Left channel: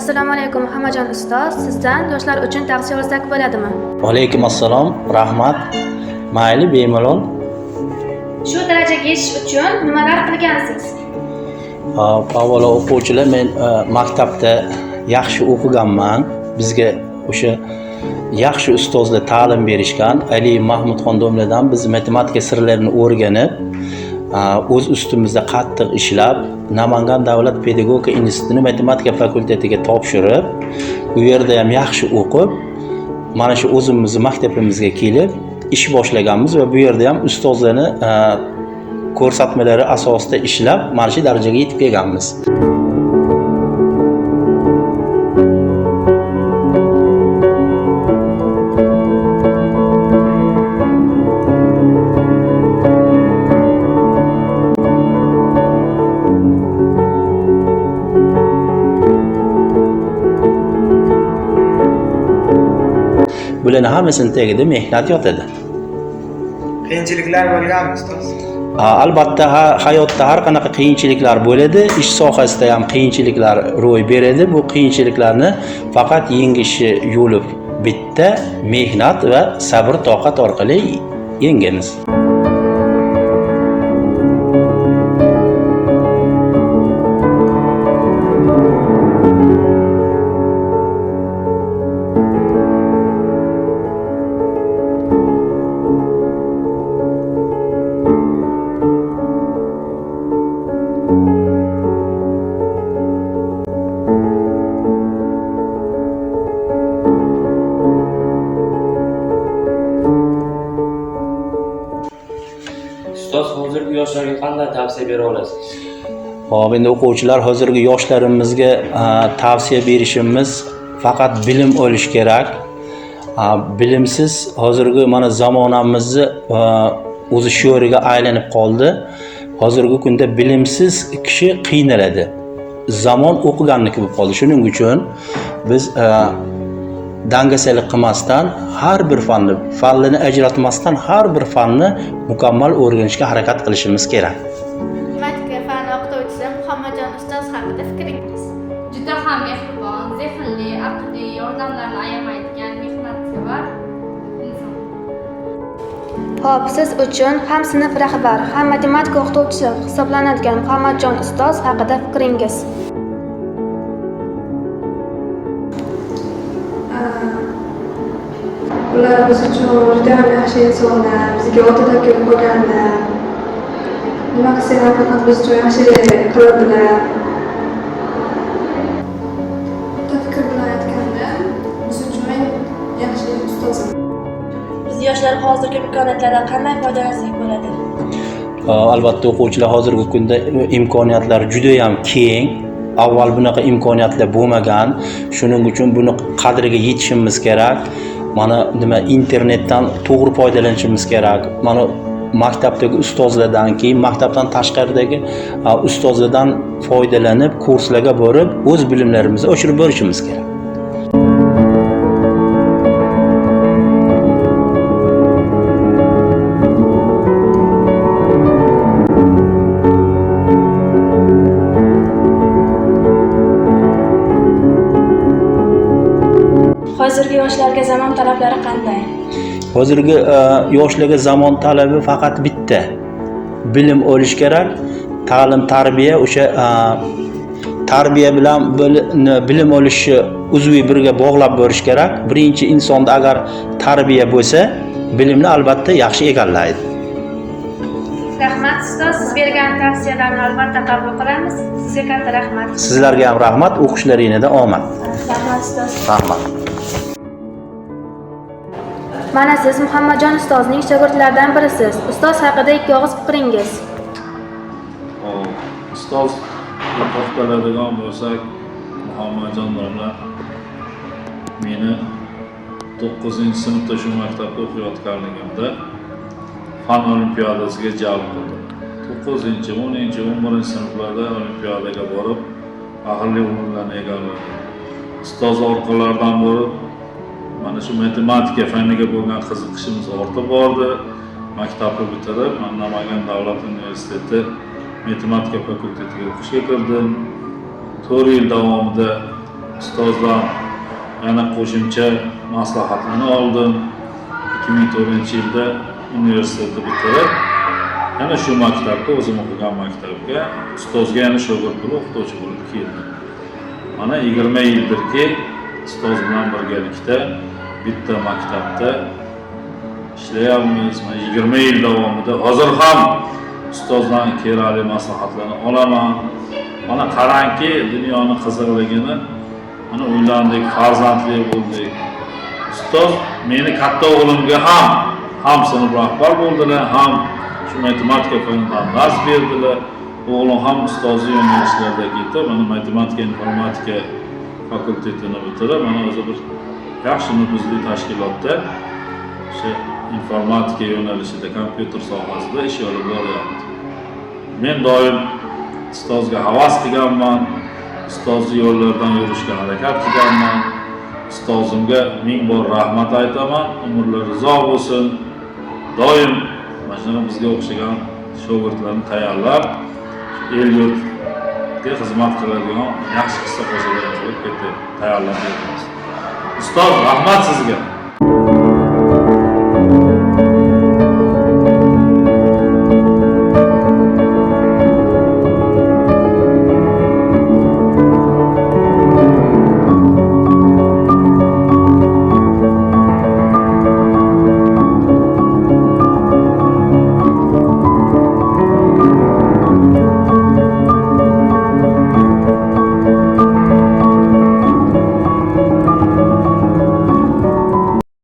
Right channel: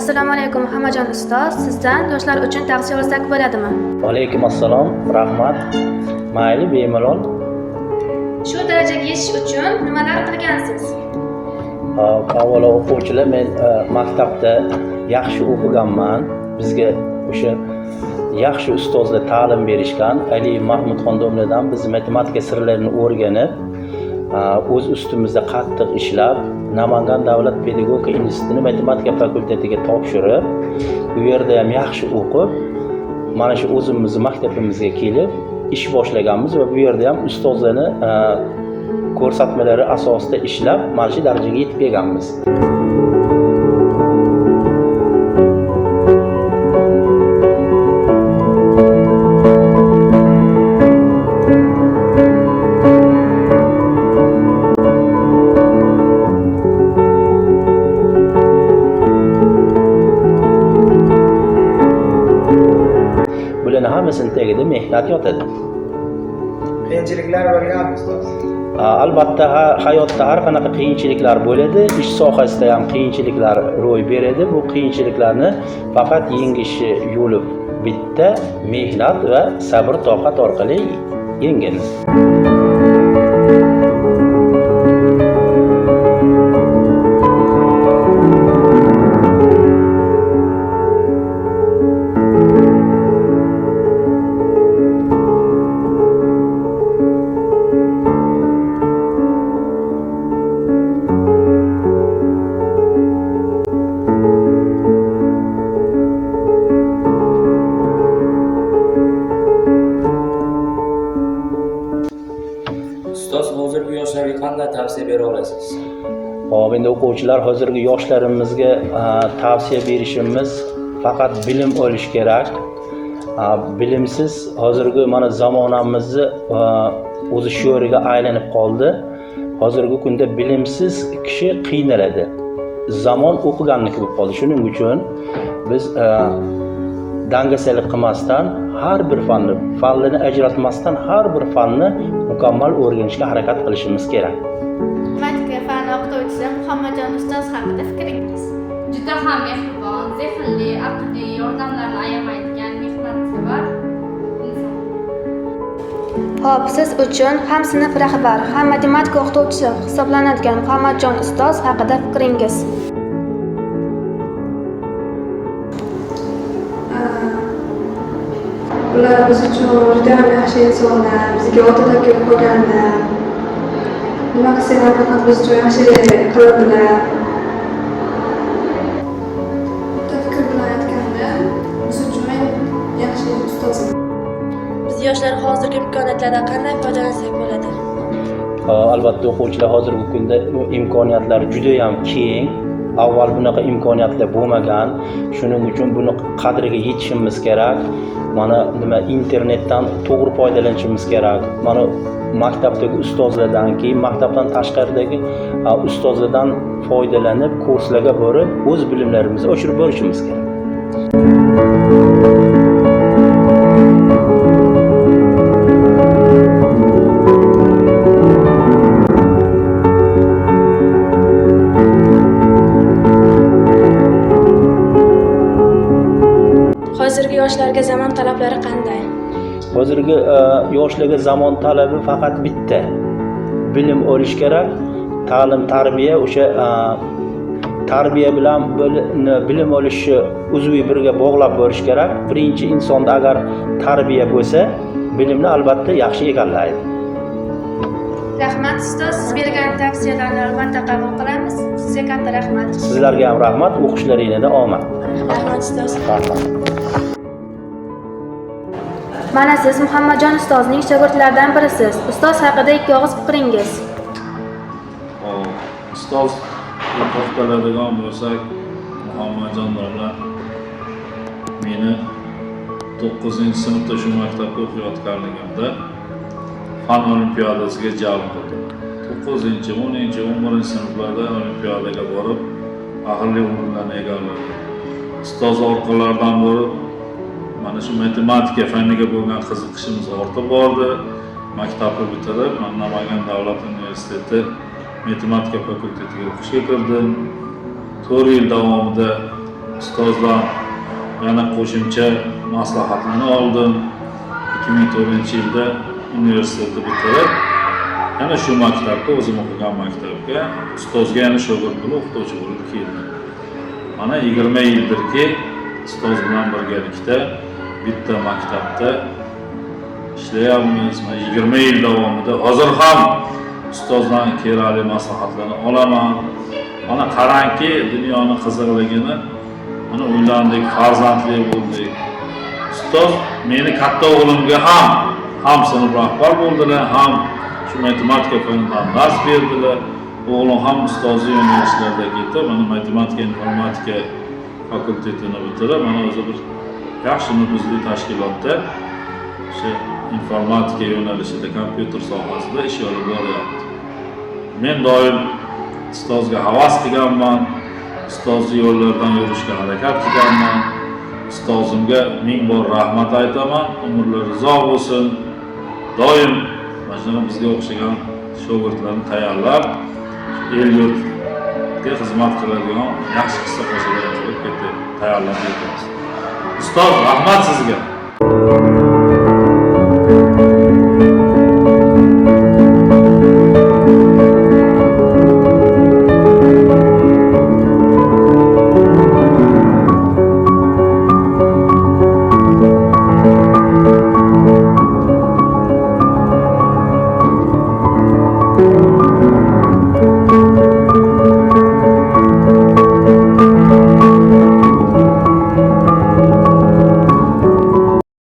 Assalomu alaykum Muhammadjon ustoz. Sizdan yoshlar uchun tavsiya olsak bo'ladimi? Alaykum assalom, rahmat. Mayli, bemalol. Shu darajaga yetish uchun nimalar qilgansiz? Avvalo o'quvchilar, men maktabda yaxshi o'qiganman. Bizga o'sha yaxshi ustozlar ta'lim berishgan. Ali Mahmudxon domladan biz matematika sirlarini o'rganib, o'z ustimizda qattiq ishlab, Namangan davlat pedagogika institutini matematika fakultetiga topshirib, u yerda ham yaxshi o'qib, mana shu o'zimizning maktabimizga kelib ish boshlaganmiz va bu yerda ham ustozlarni ko'rsatmalari asosida ishlab, mana shu darajaga yetib kelganmiz. Bularning hammasini tagida mehnat yotadi. Qiyinchiliklar bo'lganmi ustoz? Albatta hayotda har qanaqa qiyinchiliklar bo'ladi, ish sohasida ham qiyinchiliklar ro'y beradi. Bu qiyinchiliklarni faqat yengishi yo'li bitta, mehnat va sabr toqat orqali yengamiz. Ustoz, hozirgi yoshlarga qanday tavsiya bera olasiz? Hop, endi o'quvchilar, hozirgi yoshlarimizga tavsiya berishimiz faqat bilim olish kerak. Bilimsiz hozirgi mana zamonamizni o'zi sho'riga aylanib qoldi. Hozirgi kunda bilimsiz kishi qiynaladi. Zamon o'qiganniki bo'lib qoldi. Shuning uchun biz dangasalik qilmasdan har bir fannini ajratmasdan har bir fanni mukammal o'rganishga harakat qilishimiz kerak. Matematika fani o'qituvchisi Muhammadjon ustoz haqida fikringiz? Juda ham mehribon, zehnli, aqliy, yordamlarni ayamaydigan, mehnatsevar inson. Hop, siz uchun ham sinf rahbar, ham matematika o'qituvchisi hisoblanadigan Muhammadjon ustoz haqida fikringiz? Ular biz uchun juda ham yaxshi insonlar, bizga o'ta taklif qilganlar. Nima qilsak faqat biz uchun yaxshilik qiladilar. Bitta fikr bilan aytganda, biz uchun eng yaxshi ustozim. Biz yoshlar hozirgi imkoniyatlardan qanday foydalansak bo'ladi? Albatta o'quvchilar hozirgi kunda imkoniyatlar juda ham keng. Avval bunaqa imkoniyatlar bo'lmagan. Shuning uchun buni qadriga yetishimiz kerak. Mana nima internetdan to'g'ri foydalanishimiz kerak. Mana maktabdagi ustozlardan, keyin maktabdan tashqaridagi ustozlardan foydalanib, kurslarga borib, o'z bilimlarimizni oshirib borishimiz kerak. Hozirgi yoshlarga zamon talablari qanday? Hozirgi yoshlarga zamon talabi faqat bitta. Bilim olish kerak. Ta'lim, tarbiya, o'sha tarbiya bilan bilim olishni uzviy birga bog'lab borish kerak. Birinchi insonda agar tarbiya bo'lsa, bilimni albatta yaxshi egallaydi. Rahmat ustoz, siz bergan tavsiyalarni albatta qabul qilamiz. Siz katta rahmat. Sizlarga ham rahmat, o'qishlaringizda omad. Rahmat ustoz. Rahmat. Mana siz Muhammadjon ustozning shogirdlaridan birisiz. Ustoz haqida ikki og'iz fikringiz. Ustozga to'xtaladigan bo'lsak, Muhammadjon domla meni 9-sinfda shu maktabda o'qiyotganligimda fan olimpiadasiga jalb qildi. 9-10, 11 sinflarda olimpiadaga borib, aqlli o'rinlarni egalladi. Ustoz orqalaridan bo'lib, mana shu matematika faniga bo'lgan qiziqishimiz ortib bordi. Maktabni bitirib, Namangan davlat universiteti matematika fakultetiga o'qishga kirdim. 4 yil davomida ustozdan yana qo'shimcha maslahatlarni oldim. 2004-yilda universitetni bitirib, yana shu maktabga, o'zim o'qigan maktabga ustozga yana shogird bo'lib, o'qituvchi bo'lib keldim. Mana 20 yildirki ustoz bilan birgalikda bitta maktabda ishlayapmiz. 20 yil davomida hozir ham ustozdan kerakli maslahatlarni olaman. Mana qarangki, dunyoning qiziqligini, mana uylandik, farzandli bo'ldik. Ustoz meni katta o'g'limga ham sinf rahbar bo'ldilar, ham shu matematika fanidan dars berdilar. O'g'lim ham ustozlik yo'nalishlarida ketib, mana matematika, informatika fakultetini bitirib, mana o'zi bir yaxshi nufuzli tashkilotda o'sha informatika yo'nalishida, kompyuter sohasida ish olib boryapti. Men doim ustozga havas qilganman, ustozning yo'llaridan yurishga harakat qilganman. Ustozimga ming bor rahmat aytaman, umrlari uzoq bo'lsin. Doim mana bizga o'xshagan shogirdlarni tayyorlab, el-yurtga xizmat qiladigan yaxshi hissa qo'shadigan bo'lib ketdi, tayyorlab beramiz. Ustoz, rahmat sizga.